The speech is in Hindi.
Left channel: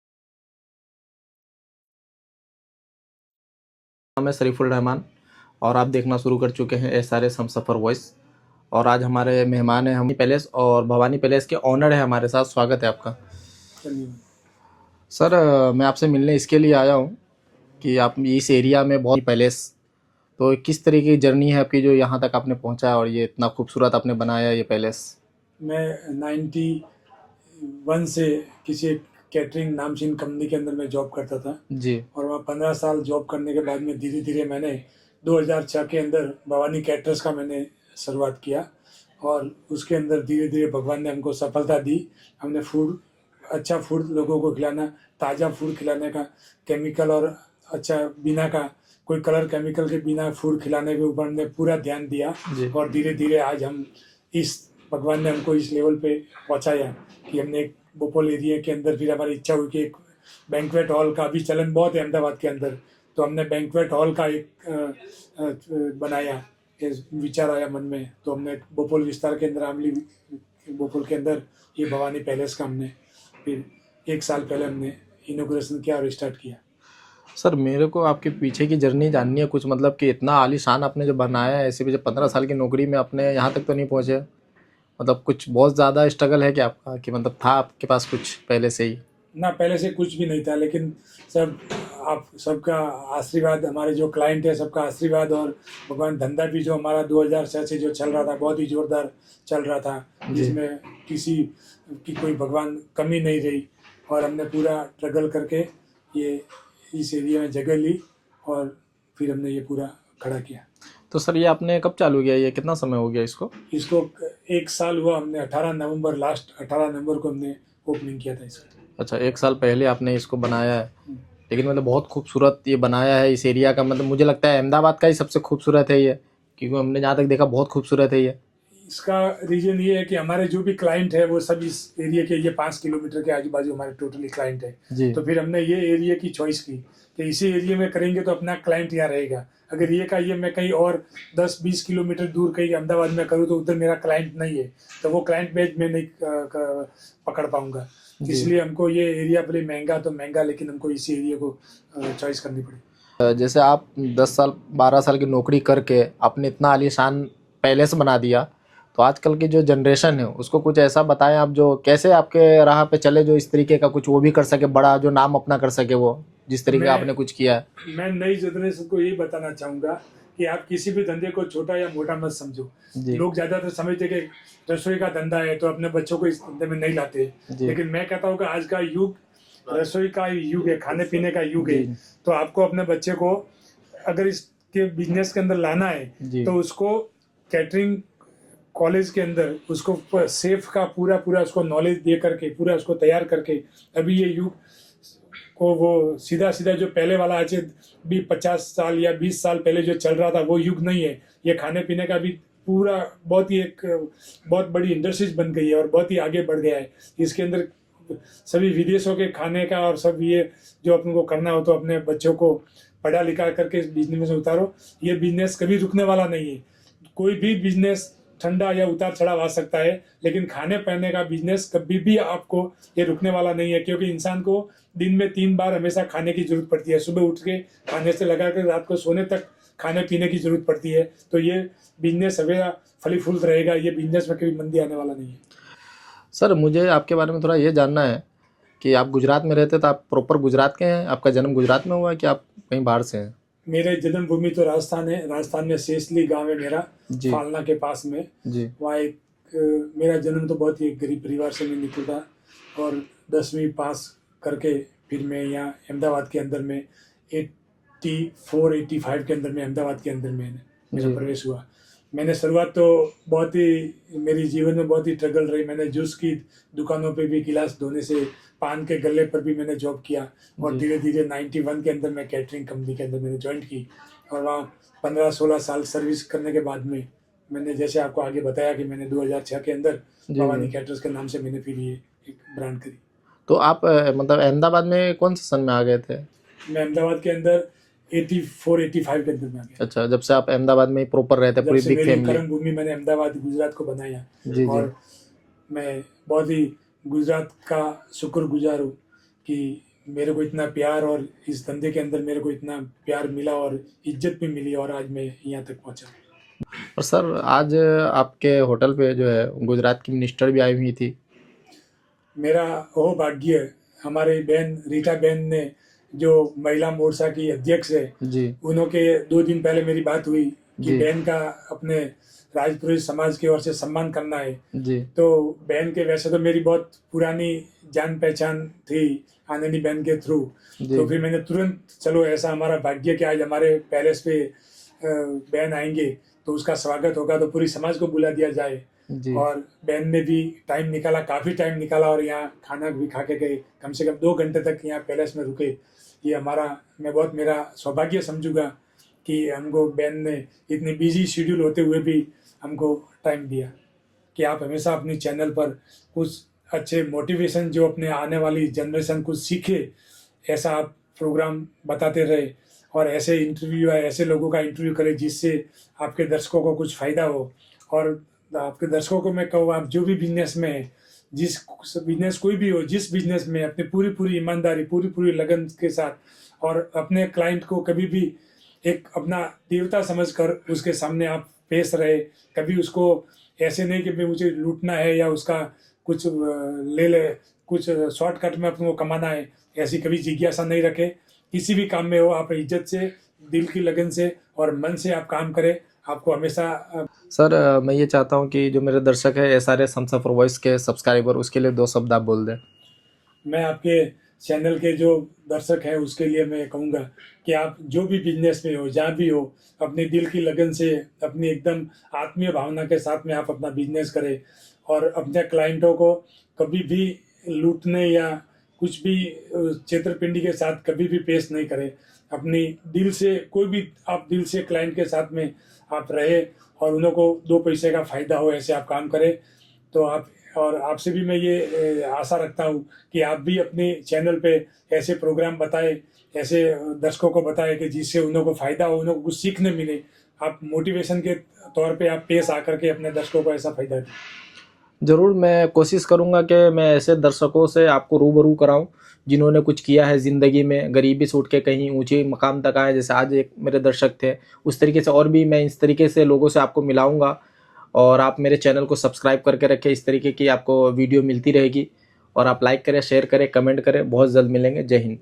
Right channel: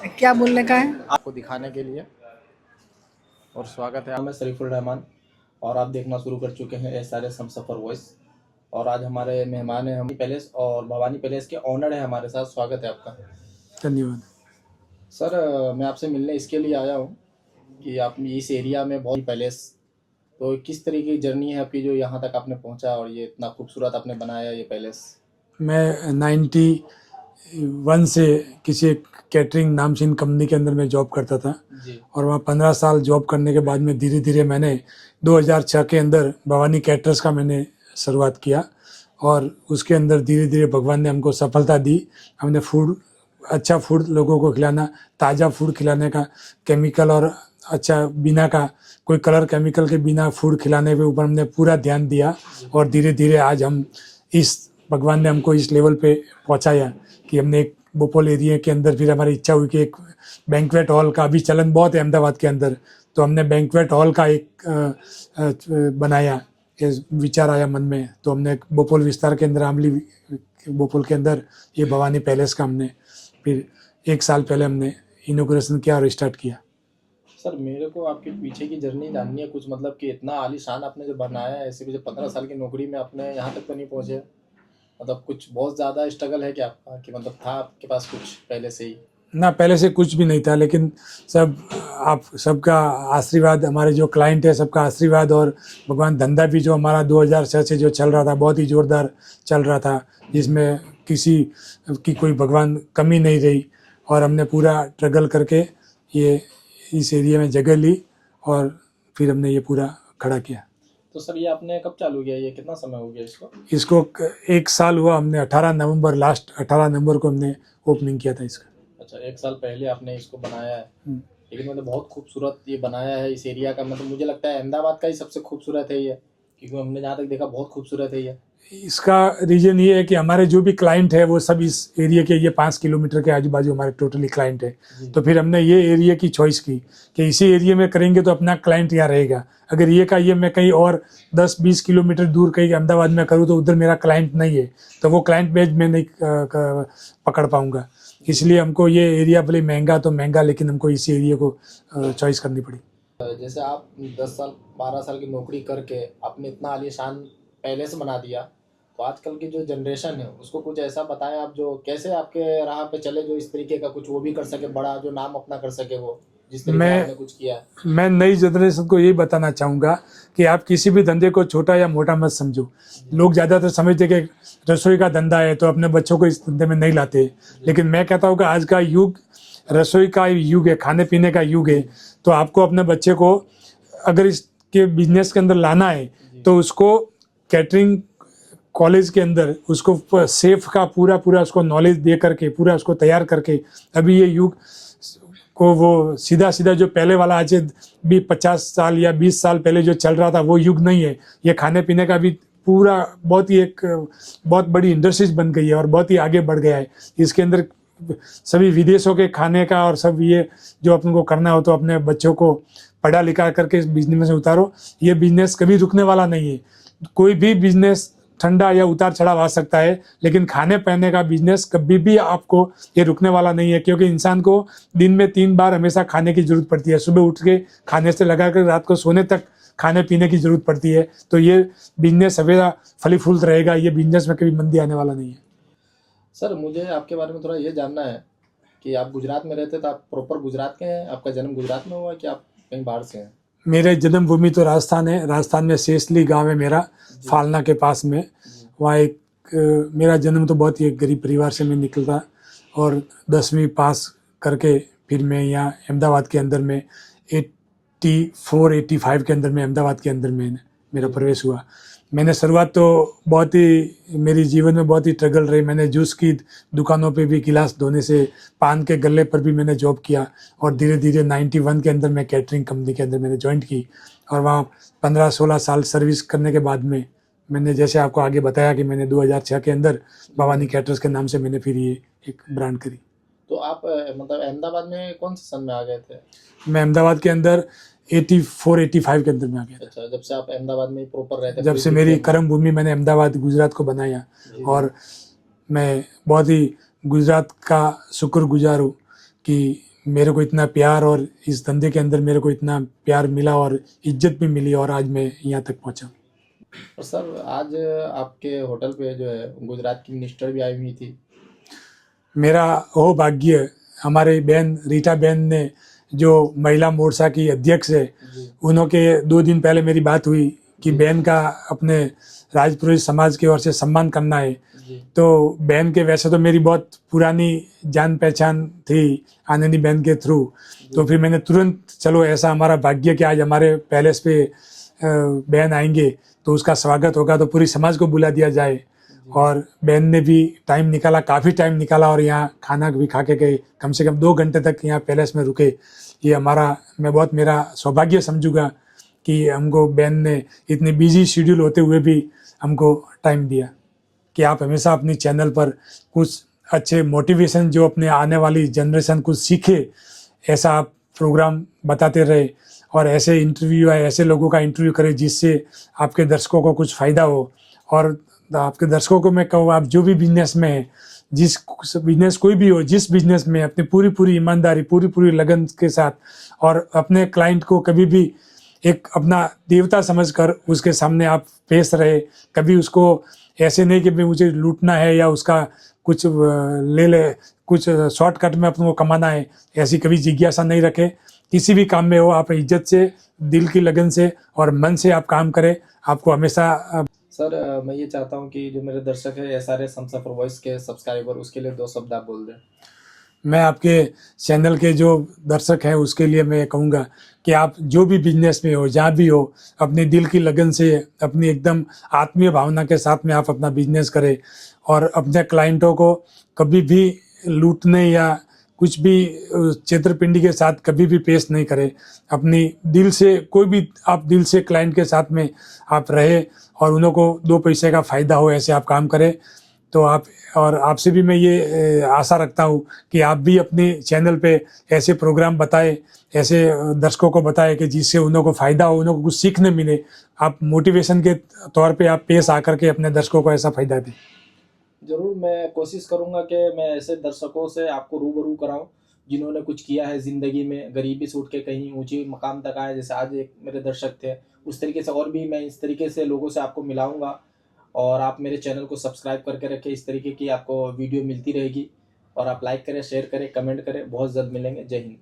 क्या बोलने का है? आपको दिखाने के लिए। और स्वागत है, मैं शरीफुल रहमान और आप देखना शुरू कर चुके हैं SRS हमसफ़र वॉइस। और आज हमारे मेहमान हैं हम पैलेस और भवानी पैलेस के ओनर है हमारे साथ। स्वागत है आपका। धन्यवाद। सर मैं आपसे मिलने इसके लिए आया हूँ कि आप इस एरिया में बहुत पैलेस, तो किस तरीके की जर्नी है आपकी जो यहाँ तक आपने पहुँचा और ये इतना खूबसूरत आपने बनाया ये पैलेस। मैं 91 से किसी एक कैटरिंग नामचीन कंपनी के अंदर मैं जॉब करता था जी और वहाँ 15 साल जॉब करने के बाद में धीरे धीरे मैंने 2006 के अंदर भवानी कैटरर्स का मैंने शुरुआत किया और उसके अंदर धीरे धीरे भगवान ने हमको सफलता दी। हमने अच्छा फूड लोगों को खिलाना, ताज़ा फूड खिलाने का, केमिकल और अच्छा बिना का कोई कलर केमिकल के बिना फूड खिलाने के ऊपर हमने पूरा ध्यान दिया जी और धीरे धीरे आज हम इस भगवान ने हमको इस लेवल पे पहुंचाया कि हमने एक बोपोल एरिया के अंदर फिर हमारी इच्छा हुई कि एक बैंक्वेट हॉल का भी चलन बहुत है अहमदाबाद के अंदर, तो हमने बैंक्वेट हॉल का एक बनाया। ये विचार आया मन में तो हमने बोपोल विस्तार के अंदर आमली बोपोल के अंदर ये भवानी पैलेस का हमने फिर 1 साल पहले हमने इनोग्रेशन किया और स्टार्ट किया। सर मेरे को आपके पीछे की जर्नी जाननी है कुछ, मतलब कि इतना आलीशान आपने जो बनाया है, ऐसे भी जब 15 साल की नौकरी में अपने यहाँ तक तो नहीं पहुँचे, मतलब कुछ बहुत ज़्यादा स्ट्रगल है क्या आपका, कि मतलब था आपके पास कुछ पहले से ही। ना पहले से कुछ भी नहीं था, लेकिन सब आप सबका आशीर्वाद, हमारे जो क्लाइंट है सबका आशीर्वाद और भगवान धंधा भी जो हमारा 2006 से जो चल रहा था बहुत ही ज़ोरदार चल रहा था, जिसमें किसी की कोई भगवान कमी नहीं रही और हमने पूरा स्ट्रगल करके ये इस एरिया में जगह ली और फिर हमने ये पूरा खड़ा किया। तो सर ये आपने कब चालू किया, ये कितना समय हो गया इसको। इसको 1 साल हुआ, हमने 18 नवंबर को हमने ओपनिंग किया था इसका। अच्छा 1 साल पहले आपने इसको बनाया है, लेकिन मतलब बहुत खूबसूरत ये बनाया है इस एरिया का, मतलब मुझे लगता है अहमदाबाद का ही सबसे खूबसूरत है ये, क्योंकि हमने जहाँ तक देखा बहुत खूबसूरत है ये। इसका रीजन ये है कि हमारे जो भी क्लाइंट है वो सब इस एरिया के, ये 5 किलोमीटर के आजू बाजू हमारे टोटली क्लाइंट है। तो फिर हमने ये एरिया की चॉइस की कि इसी एरिया में करेंगे तो अपना क्लाइंट यहाँ रहेगा। अगर ये का ये मैं कहीं और 10-20 किलोमीटर दूर कहीं अहमदाबाद में करूँ तो उधर मेरा क्लाइंट नहीं है, तो वो क्लाइंट बेस मैं नहीं पकड़ पाऊंगा। इसलिए हमको ये एरिया भले महंगा तो महंगा, लेकिन हमको इसी एरिया को चॉइस करनी पड़ी। जैसे आप 10 साल 12 साल की नौकरी करके आपने इतना आलीशान पैलेस बना दिया, तो आजकल की जो जनरेशन है उसको कुछ ऐसा बताएं आप जो कैसे आपके राह पे चले, जो इस तरीके का कुछ वो भी कर सके, बड़ा जो नाम अपना कर सके वो, जिस तरीके आपने कुछ किया है। मैं नई जनरेशन को यही बताना चाहूँगा कि आप किसी भी धंधे को छोटा या मोटा मत समझो। लोग ज़्यादातर समझते कि रसोई का धंधा है तो अपने बच्चों को इस धंधे में नहीं लाते, लेकिन मैं कहता हूँ कि आज का युग रसोई का युग है, खाने पीने का युग है। तो आपको अपने बच्चे को अगर इसके बिजनेस के अंदर लाना है तो उसको कैटरिंग कॉलेज के अंदर उसको सेफ का पूरा पूरा उसको नॉलेज दे करके पूरा उसको तैयार करके, अभी ये युग को वो सीधा सीधा जो पहले वाला आज भी 50 साल या 20 साल पहले जो चल रहा था वो युग नहीं है। ये खाने पीने का भी पूरा बहुत ही एक बहुत बड़ी इंडस्ट्रीज बन गई है और बहुत ही आगे बढ़ गया है। इसके अंदर सभी विदेशों के खाने का और सब ये जो अपन को करना हो तो अपने बच्चों को पढ़ा लिखा करके इस बिजनेस में उतारो। ये बिजनेस कभी रुकने वाला नहीं है। कोई भी बिजनेस ठंडा या उतार चढ़ाव आ सकता है, लेकिन खाने पीने का बिजनेस कभी भी आपको ये रुकने वाला नहीं है, क्योंकि इंसान को दिन में 3 बार हमेशा खाने की जरूरत पड़ती है। सुबह उठ के खाने से लगा कर रात को सोने तक खाने पीने की जरूरत पड़ती है। तो ये बिजनेस हमेशा फली फूल रहेगा, ये बिजनेस में कभी मंदी आने वाला नहीं है। सर मुझे आपके बारे में थोड़ा ये जानना है कि आप गुजरात में रहते, तो आप प्रॉपर गुजरात के हैं, आपका जन्म गुजरात में हुआ है कि आप कहीं बाहर से हैं। मेरे जन्मभूमि तो राजस्थान है। राजस्थान में शेषली गांव है मेरा, फालना के पास में। वहाँ एक मेरा जन्म तो बहुत ही एक गरीब परिवार से मैं निकलता और 10वीं पास करके फिर मैं यहाँ अहमदाबाद के अंदर में 84-85 के अंदर में अहमदाबाद के अंदर में मेरा प्रवेश हुआ। मैंने शुरुआत तो बहुत ही मेरी जीवन में बहुत ही स्ट्रगल रही। मैंने जूस की दुकानों पे भी गिलास धोने से पान के गल्ले पर भी मैंने जॉब किया और धीरे धीरे 91 के अंदर मैं कैटरिंग कंपनी के अंदर मैंने ज्वाइन की और वहाँ 15-16 साल सर्विस करने के बाद में मैंने जैसे आपको आगे बताया कि मैंने 2006 के अंदर भवानी कैटरर्स के नाम से मैंने फिर ये एक ब्रांड करी। तो आप मतलब अहमदाबाद में कौन से सन में आ गए थे। मैं अहमदाबाद के अंदर 84-85 के अंदर में आ गया। अच्छा, जब से आप अहमदाबाद में ही प्रॉपर रहते, जब से मेरी कर्म भूमि मैंने अहमदाबाद गुजरात को बनाया और मैं बहुत ही गुजरात का शुक्रगुजार हूँ कि मेरे को इतना प्यार और इस धंधे के अंदर मेरे को इतना प्यार मिला और इज्जत भी मिली और आज मैं यहाँ तक पहुँचा। और सर आज आपके होटल पे जो है गुजरात की मिनिस्टर भी आई हुई थी। मेरा वो भाग्य, हमारे बहन रीटा बहन ने जो महिला मोर्चा की अध्यक्ष है, जी उनके 2 दिन पहले मेरी बात हुई कि जी। बहन का अपने राजपुरोहित समाज की ओर से सम्मान करना है। जी तो बहन के वैसे तो मेरी बहुत पुरानी जान पहचान थी आनंदी बहन के थ्रू, जी तो फिर मैंने तुरंत, चलो ऐसा हमारा भाग्य कि आज हमारे पैलेस पे बहन आएंगे तो उसका स्वागत होगा, तो पूरी समाज को बुला दिया जाए। जी और बहन ने भी टाइम निकाला, काफ़ी टाइम निकाला और यहाँ खाना भी खा के गए, कम से कम 2 घंटे तक यहाँ पैलेस में रुके। ये मैं बहुत मेरा सौभाग्य समझूंगा कि हमको बहन ने इतनी बिजी शेड्यूल होते हुए भी हमको टाइम दिया कि आप हमेशा अपनी चैनल पर कुछ अच्छे मोटिवेशन, जो अपने आने वाली जनरेशन कुछ सीखे, ऐसा आप प्रोग्राम बताते रहे और ऐसे इंटरव्यू या ऐसे लोगों का इंटरव्यू करें जिससे आपके दर्शकों को कुछ फ़ायदा हो। और आपके दर्शकों को मैं कहूँ, आप जो भी बिजनेस में है, जिस बिजनेस कोई भी हो, जिस बिजनेस में अपनी पूरी ईमानदारी, पूरी लगन के साथ और अपने क्लाइंट को कभी भी एक अपना देवता समझकर उसके सामने आप पेश रहे। कभी उसको ऐसे नहीं कि भाई मुझे लूटना है या उसका कुछ ले कुछ शॉर्टकट में अपने को कमाना है, ऐसी कभी जिज्ञासा नहीं रखे। किसी भी काम में हो, आप इज्जत से, दिल की लगन से और मन से आप काम करें, आपको हमेशा। सर मैं ये चाहता हूँ कि जो मेरे दर्शक है SRS हमसफर वॉइस के सब्सक्राइबर, उसके लिए 2 शब्द आप बोल दें। मैं आपके चैनल के जो दर्शक हैं उसके लिए मैं कहूँगा कि आप जो भी बिजनेस में हो, जहाँ भी हो, अपने दिल की लगन से, अपनी एकदम आत्मीय भावना के साथ में आप अपना बिजनेस करें और अपने क्लाइंटों को कभी भी लूटने या कुछ भी छेतरपिंडी के साथ कभी भी पेश नहीं करें। अपनी दिल से, कोई भी आप दिल से क्लाइंट के साथ में आप रहे और उन्हों को 2 पैसे का फ़ायदा हो, ऐसे आप काम करें। तो आप, और आपसे भी मैं ये आशा रखता हूँ कि आप भी अपने चैनल पे ऐसे प्रोग्राम बताएं, ऐसे दर्शकों को बताएं कि जिससे उन्हों को फ़ायदा हो, उन्हों को कुछ सीखने मिले। आप मोटिवेशन के तौर पे आप पेश आकर के अपने दर्शकों को ऐसा फ़ायदा दें। ज़रूर मैं कोशिश करूँगा कि मैं ऐसे दर्शकों से आपको रूबरू कराऊँ जिन्होंने कुछ किया है ज़िंदगी में, गरीबी से उठ के कहीं ऊंचे मकाम तक आए, जैसे आज एक मेरे दर्शक थे। उस तरीके से और भी मैं इस तरीके से लोगों से आपको मिलाऊंगा और आप मेरे चैनल को सब्सक्राइब करके रखें। इस तरीके की आपको वीडियो मिलती रहेगी और आप लाइक करें, शेयर करें, कमेंट करें। बहुत जल्द मिलेंगे। जय हिंद।